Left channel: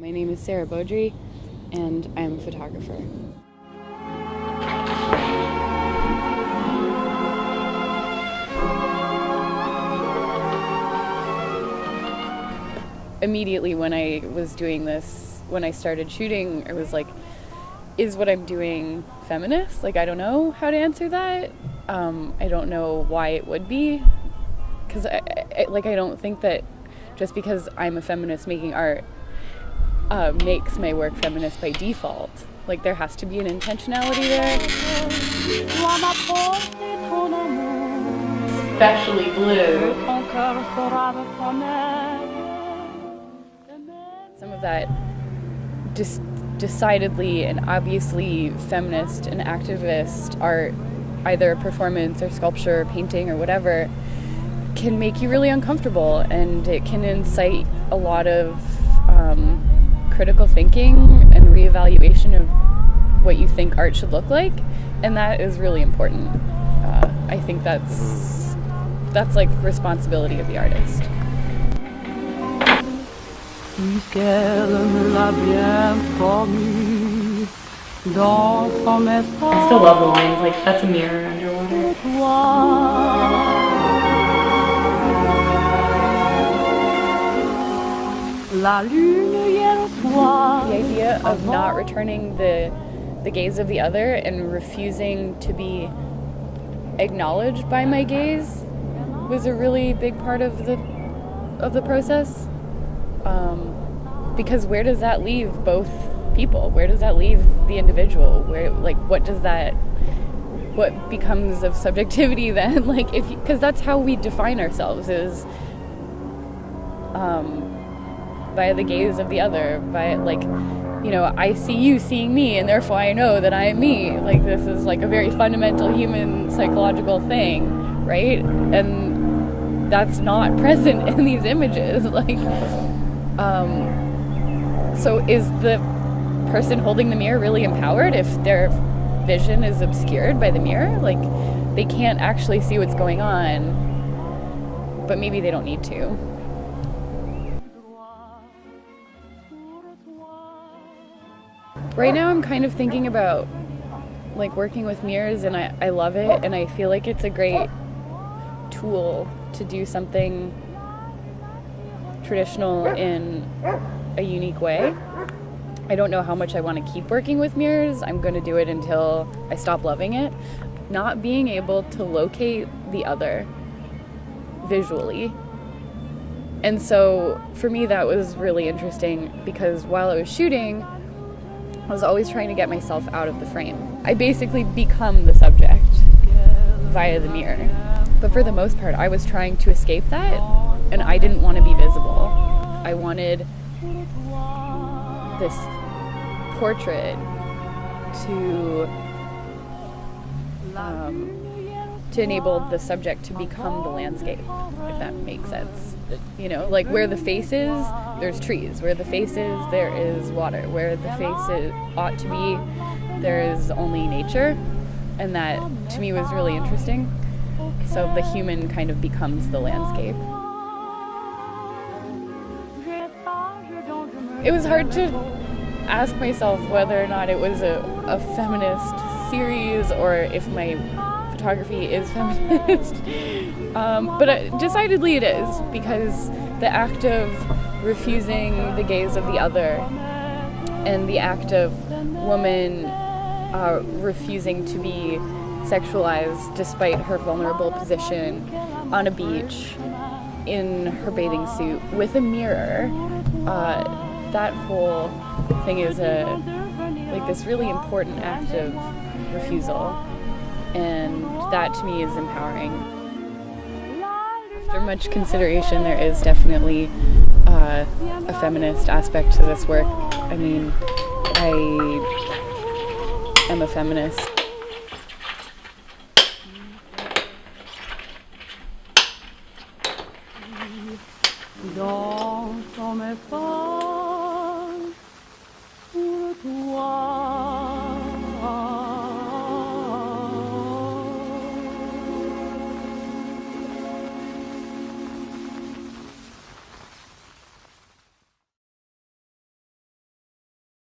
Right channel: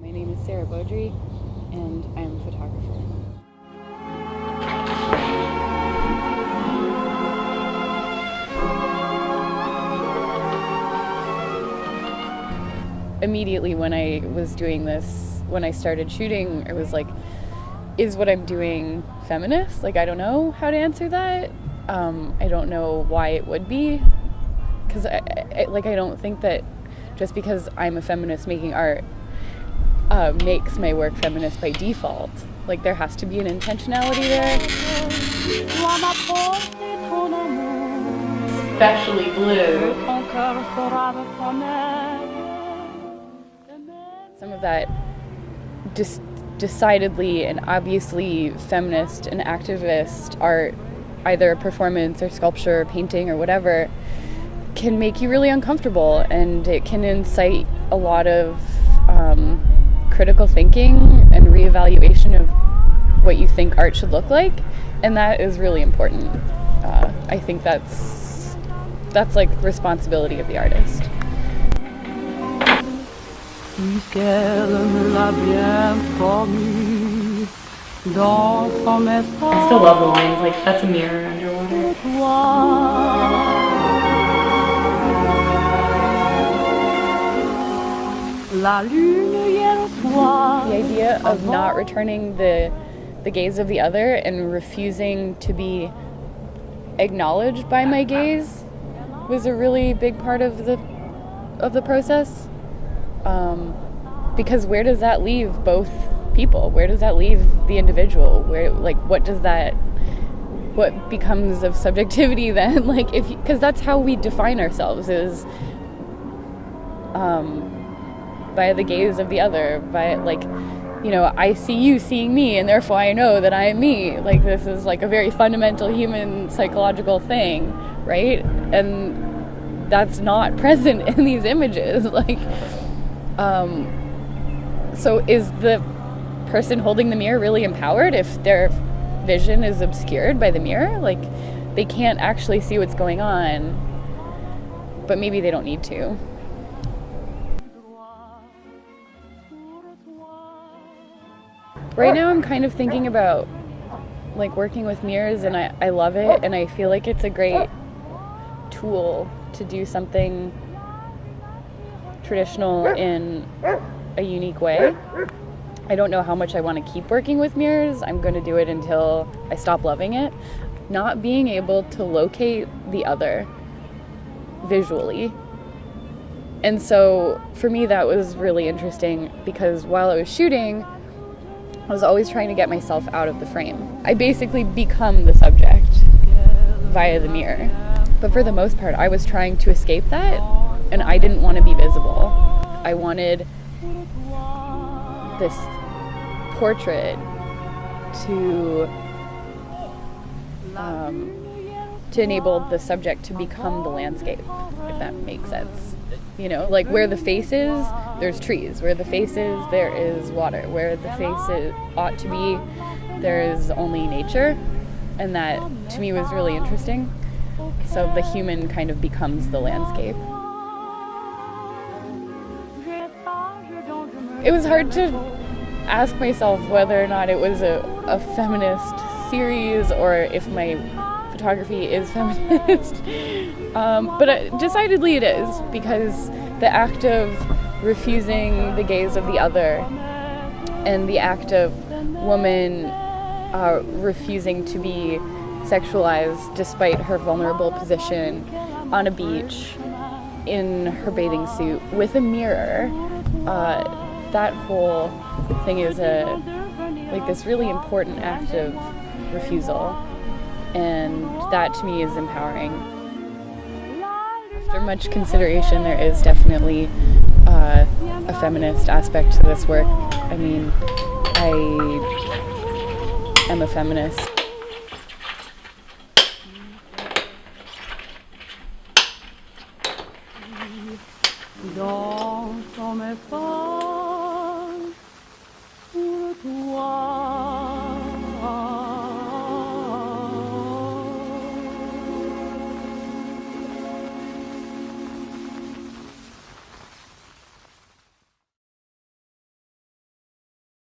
My name is Bodri, and I'm a photographer. Immediately when I was doing this, when I started shooting, I was like, is what I'm doing feminist? Like, I don't know how to answer that. I don't know why it would be, because I don't think that just because I'm a feminist making art makes my work feminist by default. Like, there has to be an intentionality there. Especially blue. Some of that decidedly and obviously feminist and activist art, either performance or sculpture or painting or whatever, can make you really uncomfortable, and it can incite a lot of critical thinking and reevaluation of what you think art should look like, and that is really important. I think that's like responsibility of the artist. I still love the lines, like, that's a mirror underwater. The idea of not returning the gaze of the other and refusing to be acknowledged by my gaze was a really big part of the process. Because where does that leave both people? Where does that leave the individual? What becomes of subjectivity then? Like, because that's how we define ourselves, is via the gaze of the other, I see you seeing me, and therefore I know that I am me. Like, this is like a very fundamental human psychological thing, right? And that's not present in these images. So is the person holding the mirror really empowered if their vision is obscured by the mirror? Like, they can't actually see what's going on, but maybe they don't need to. Right now I'm kind of thinking about working with mirrors, and I love it, and I feel like it's a great tool to do something traditional in a unique way. I don't know how much I want to keep working with mirrors. I'm going to do it until I stop loving it. Not being able to locate the other visually. And so for me that was really interesting, because while I was shooting, I was always trying to get myself out of the frame. I basically become the subject via the mirror. But for the most part, I was trying to escape that, and I didn't want to be visible. I wanted this portrait to enable the subject to become the landscape, if that makes sense. Like, where the face is, there's trees. Where the face is, there is water. Where the face ought to be, there is only nature. And that, to me, was really interesting. So the human kind of becomes the landscape. It was hard to ask myself whether or not it was a feminist series, or if my photography is feminist. But decidedly it is, because the act of refusing the gaze of the other, and the act of woman refusing to be sexualized despite her vulnerable position on a beach in her bathing suit with a mirror, that whole thing is this really important act of refusal, and that to me is empowering. After much consideration, there is definitely a feminist aspect to this work. I mean, I am a feminist.